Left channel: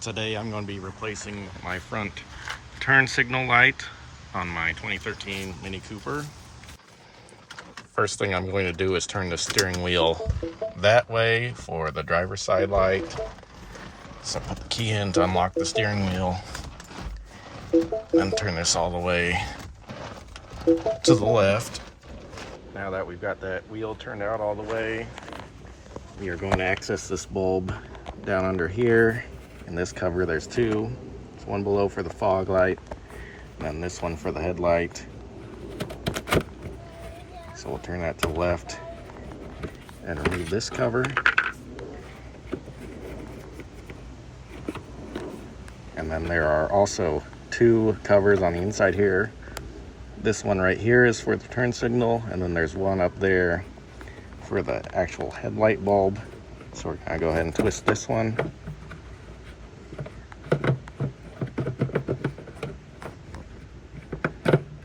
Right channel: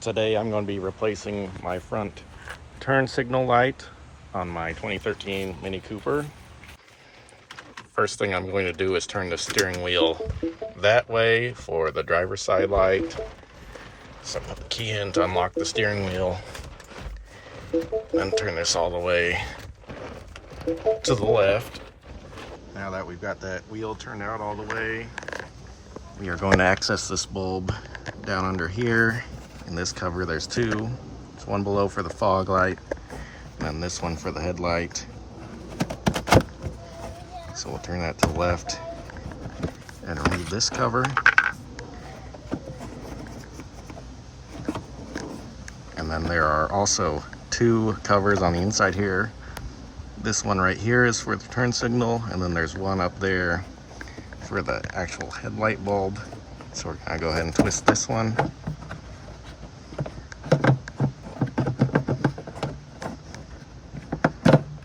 Today I'm going to be replacing my front turn signal light on my 2013 Mini Cooper. First thing I'm going to do is turn the steering wheel that way for the driver's side light. So put the key in to unlock the steering wheel. Then turn this all the way to the left. Now that we've got that wheel turned out all the way, we are going to access this bulb down under here. In this cover there's two. There's one below for the fog light, and then this one for the headlight. So we'll turn that to the left and remove this cover. And then there are also two covers on the inside here. This one right here is for the turn signal, and then there's one up there for the actual headlight bulb. So we're gonna go ahead and twist this one.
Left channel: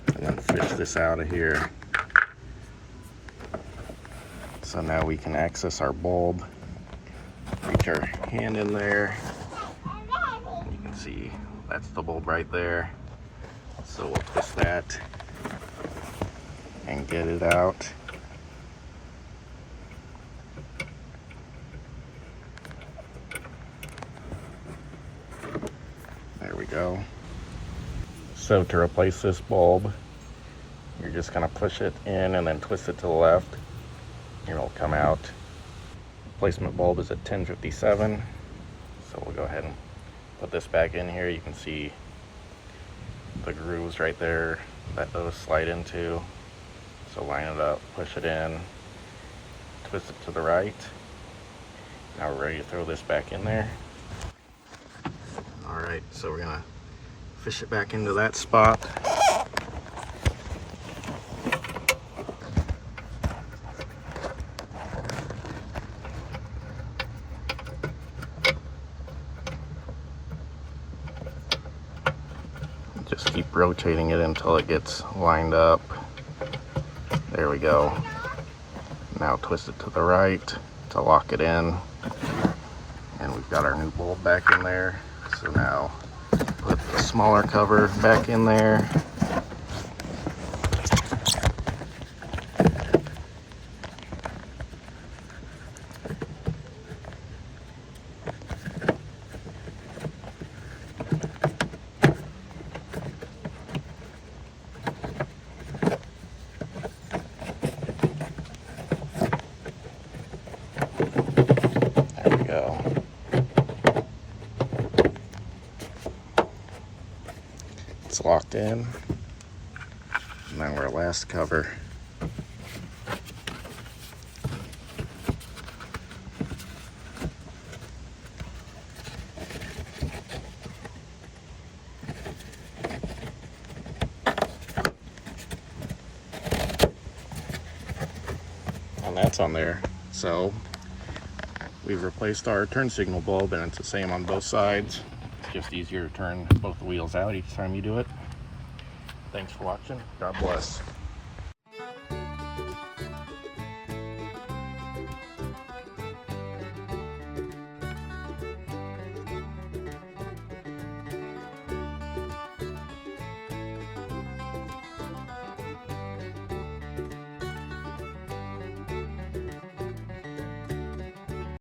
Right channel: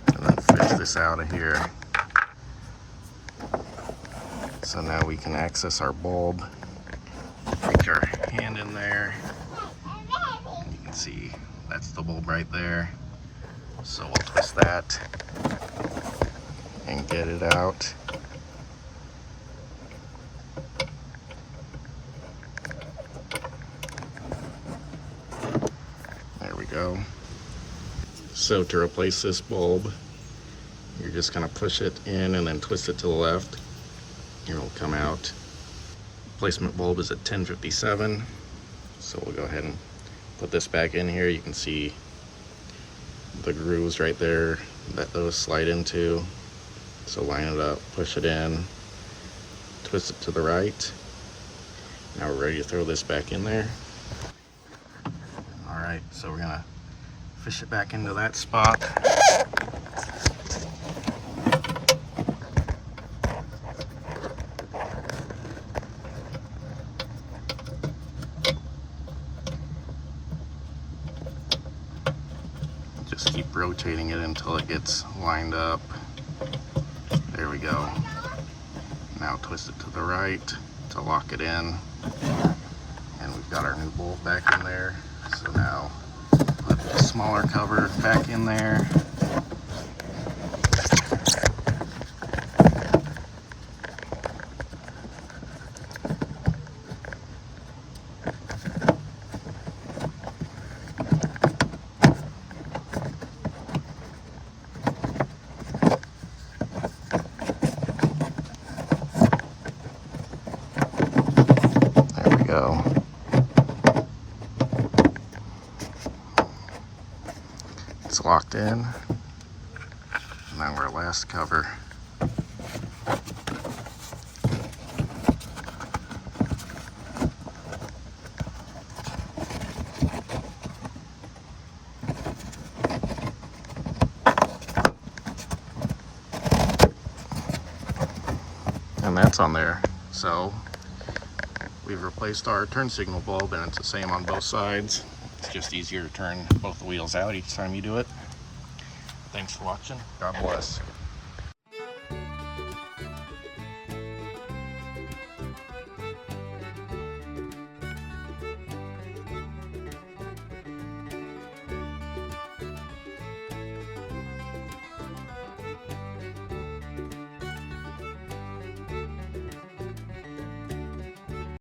And then fish this out of here. So now we can access our bulb. Reach our hand in there. You can see that's the bulb right there. So we'll twist that and get it out. There we go. So to replace this bulb, you're just gonna push it in and then twist it to the left. It'll come out. Replacement bulb is at 1057. So we'll go ahead and put this back in here. You can see the grooves right there that those slide into. So line it up, push it in, twist it to the right. Now we're ready to throw this back in there. All right, so we're gonna fish it back into that spot. Just keep rotating it until it gets lined up. There we go. Now twist it to the right to lock it in. And we've got our new bulb back in there. So now put the smaller cover back in there. Go. It's locked in. Now our last cover. And that's on there. So we've replaced our turn signal bulb, and it's the same on both sides. It's just easier to turn both the wheels out each time you do it. Thanks for watching. God bless.